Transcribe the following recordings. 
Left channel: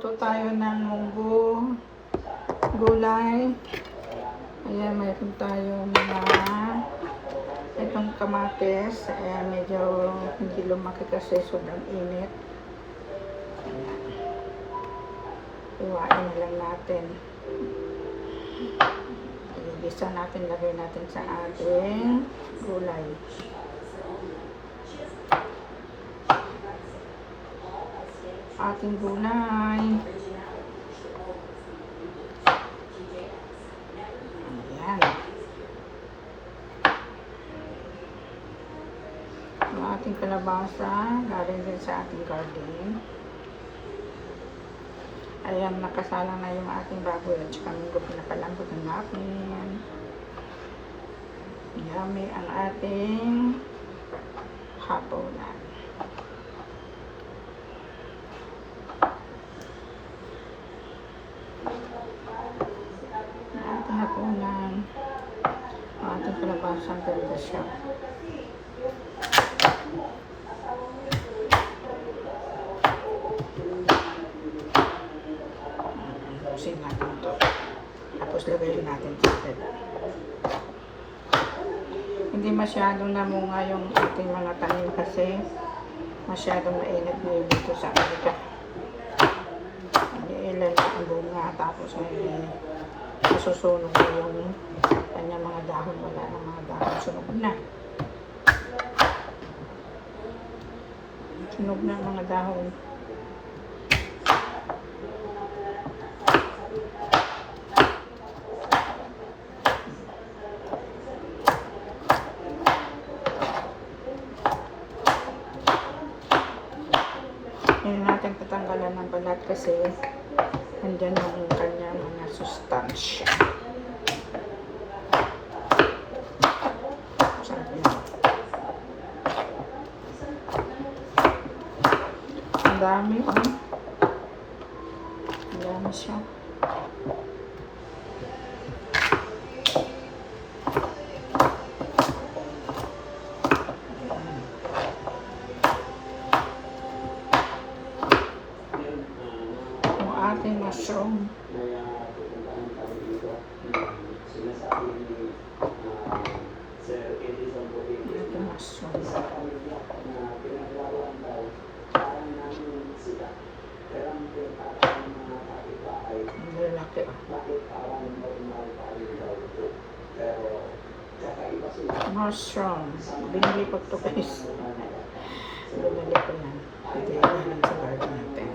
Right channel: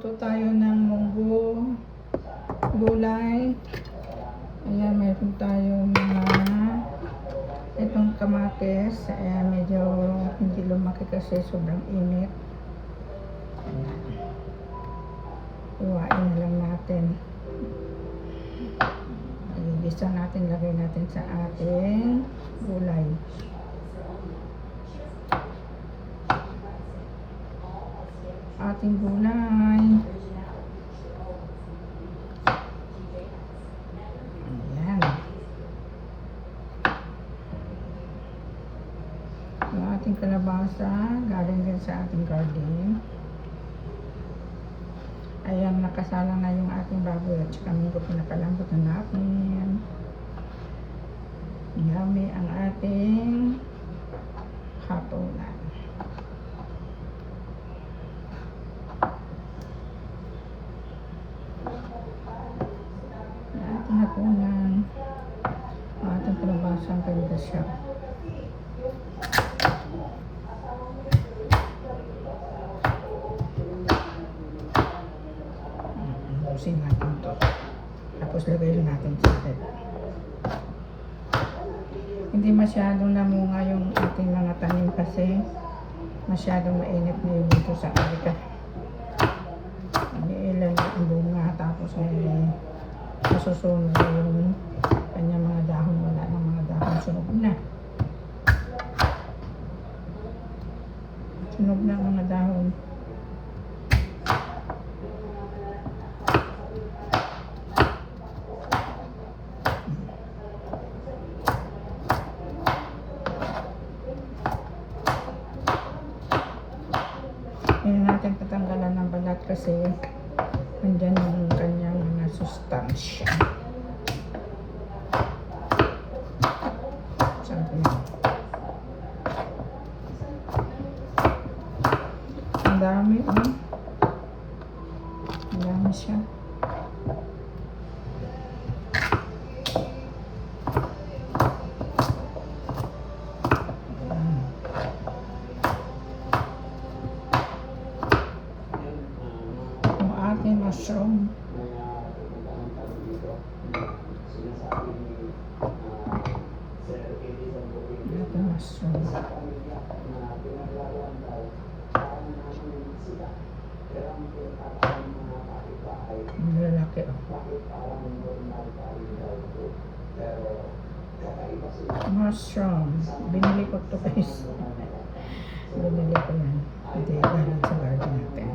Ito tayo ng munggo, gulay. Ayan, mayroon tayong mga itong kamatis. Medyo hindi lumaki kasi sobrang init. Ayan. Iwain na lang natin. Ililisa natin, lagay natin sa ating gulay. Ating gulay. Ayan. Ang ating kalabasa, galing din sa ating garden. Ayan, nakasala na yung ating baboy at saka munggo, pinapalambot natin. Yummy ang ating hapunan. Hapunan, ating kalabasa, ganda siya. Lusin natin ito. Tapos lagayin natin sa atin. Hindi masyadong namunga yung ating mga tanim kasi masyadong mainit na yung dito sa kalika. Ilan ang bunga, tapos may masusunog na yung kanyang mga dahon. Wala ng mga dahon, sunog na. Sunog na mga dahon. Ngayon natin patanggalan ng balat kasi andyan yung kanyang mga sustansya. Sabi mo. Ang dami, oh. Ang dami siya. Mushroom. Ito mushroom. Ang lalaki, oh. Mushroom. Binili ko ito guys. Binili ko yan. Hindi yan sa garden natin.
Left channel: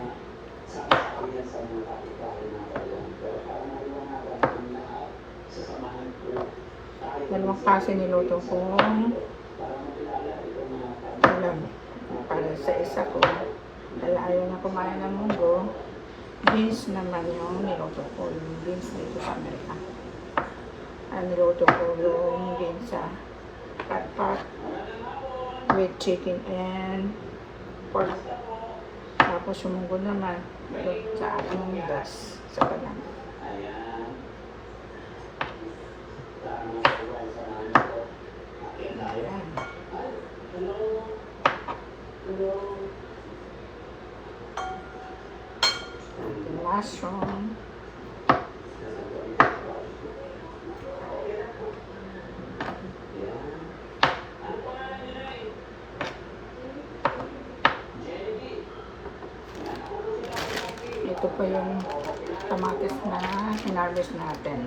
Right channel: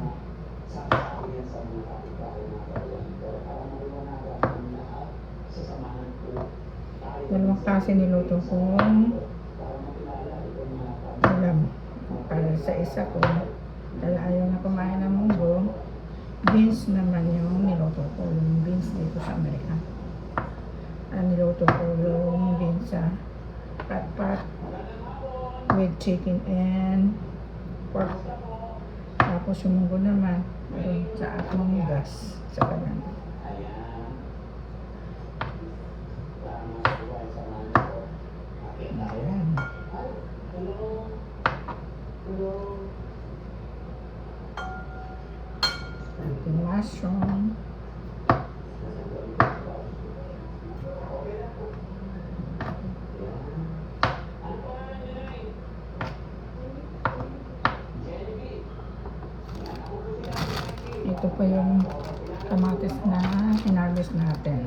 Dalawang kasi niluto ko ulam para sa isa ko, kaya ayaw na kumain ng munggo. Beans naman yung niluto ko, yung beans dito sa Amerika. Niluto ko yung beans sa pat-pat with chicken and pork. Tapos yung munggo naman doon sa ating gas sa kanan. Ayan. Ating mushroom. Ito pa yung kamatis na hinarvest natin.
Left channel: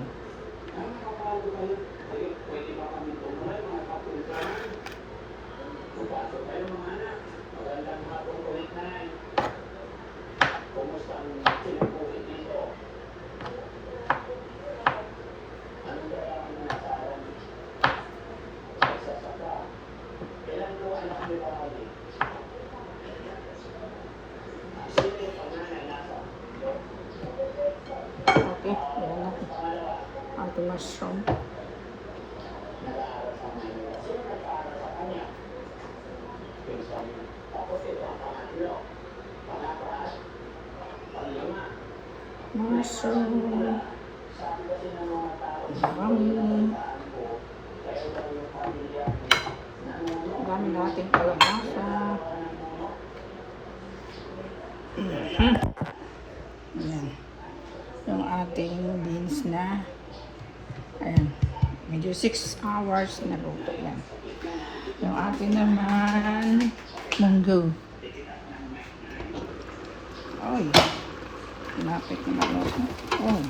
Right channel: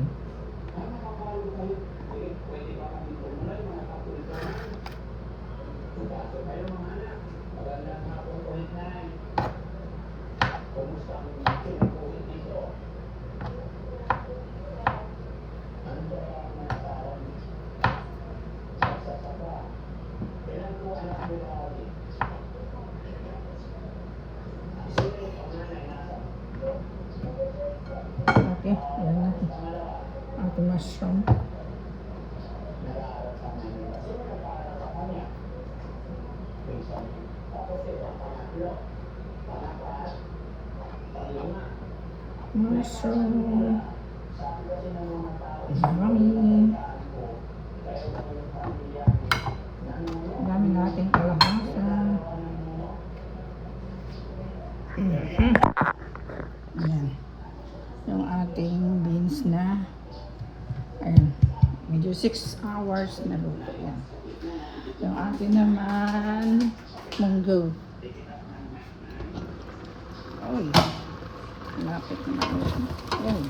Okay, ayan na. Ating mushroom. Mushroom. Yummy. Dami nating kalabasa. Ayan. Yung ating beans na. Ayan. Medyo 6 hours na luto. Ayan. Yung ating naman munggo. Ay. Pinapit ko lang siya. Oh.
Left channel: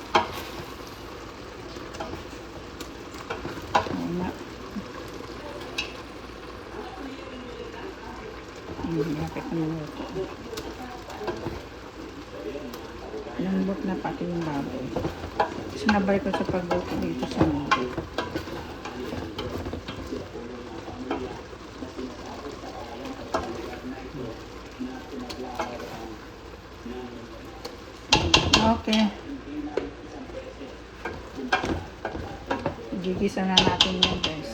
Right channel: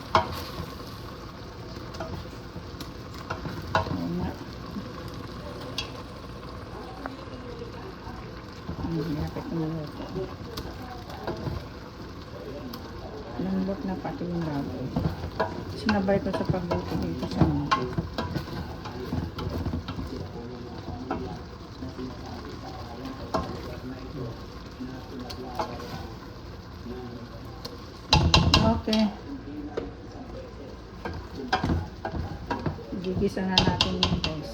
Ayan. Pinapit mo. Lambot na pati yung laway. Sinabay ko sa pagluto dito sa munggo. Okay. Gigisa na natin yan, guys.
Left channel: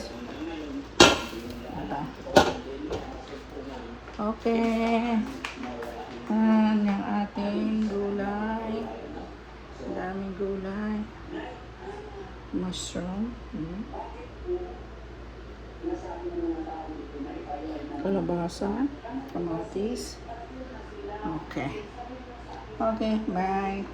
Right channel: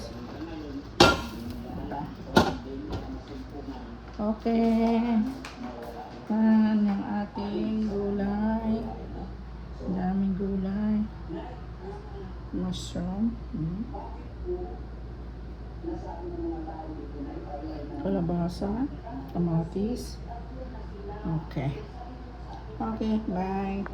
Okay. Yung ating gulay. Daming gulay. Mushroom. Kalabasa. Kamatis. Okay. Okay, bye.